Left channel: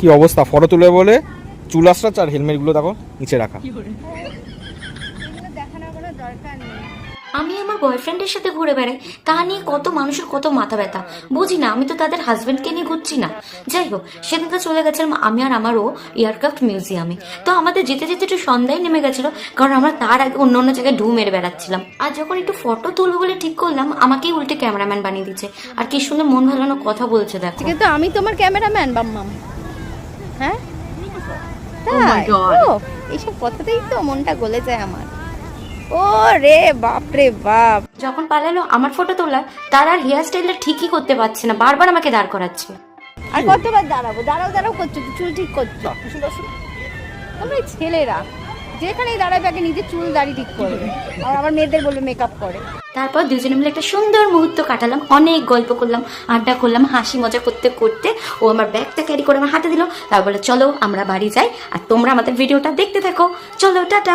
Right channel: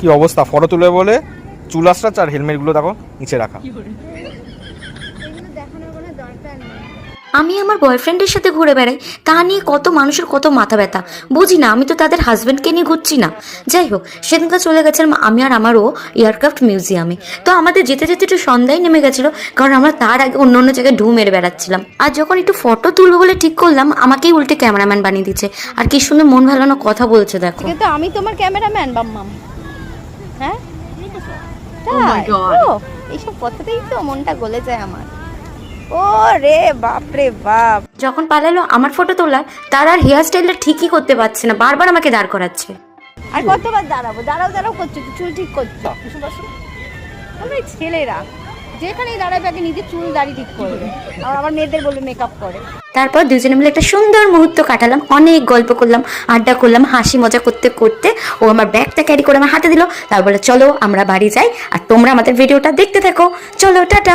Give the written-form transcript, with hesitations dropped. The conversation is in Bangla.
কি অবস্থা, ফটো তুলে বলে চুল আসছে আর হেলমেটগুলো দেখো নিচে রাখা। আমি আমার বয়ফ্রেন্ডের সাথে ঘুরে বেড়াই, তা নিয়ে কত মানুষের কত মাথা ব্যথা। বুঝি না, আমি তো তাদের হাজব্যান্ডকে নিয়ে ঘুরছি না। যাই হোক, সেদিনকে চলে গেছিলাম আমি আর আমারও এয়ারক্রাফট মিউজিয়ামে। তো আমাদের যেতে যেতে একটু সন্ধ্যায় নেমে গেছিলো, কারণ আমরা তার আগে অন্য অন্য জায়গায় ঢু মেরে বেড়াচ্ছিলাম। আর যখন একটু ফটো তুলবো বলে ঠিক করলাম, আমাকেই উল্টে ক্যামেরাম্যান বানিয়ে দিচ্ছে। আর কি সুন্দর মন ভালানো কথা বলছে দেখো। কিন্তু আমি তোমার ক্যামেরাম্যান বাম্মাম। হ্যাঁ, Oh my God. এইসব কথাতেই তো মনটা গলে যায় আমার। ও রে বাপ রে বাপ। যখন পালালো আমার ফটো তোলার, তার আর হেয়ার স্টাইলটা ঠিকই করতে পারছে না, বারবার আমাকে দাঁড় করাচ্ছে। আর কতবার দাঁড়াবো, দাঁড়াও করছো, চুল ঠিক করছো। আমরা ছেলেরা যেখানেই দাঁড়াবে আগে নিজে চুল দাড়ি ঠিক করবে, আর আবার মেয়েদের বলবে মেকআপ করে। তারপর দুজনে মিলে একটা সুন্দর মুহূর্ত কাটালাম, অনেক গল্প করলাম, আড্ডা করলাম, হাসি মজা করতে করতে ও আমার ব্যাগটা ক্যারি করে আমার হাতে দিল। তারপরে চলো আমরা বাড়ি যাই, আর তোমরা আমাদের ভিডিওটা দেখতে থাকো। চলো, টাটা।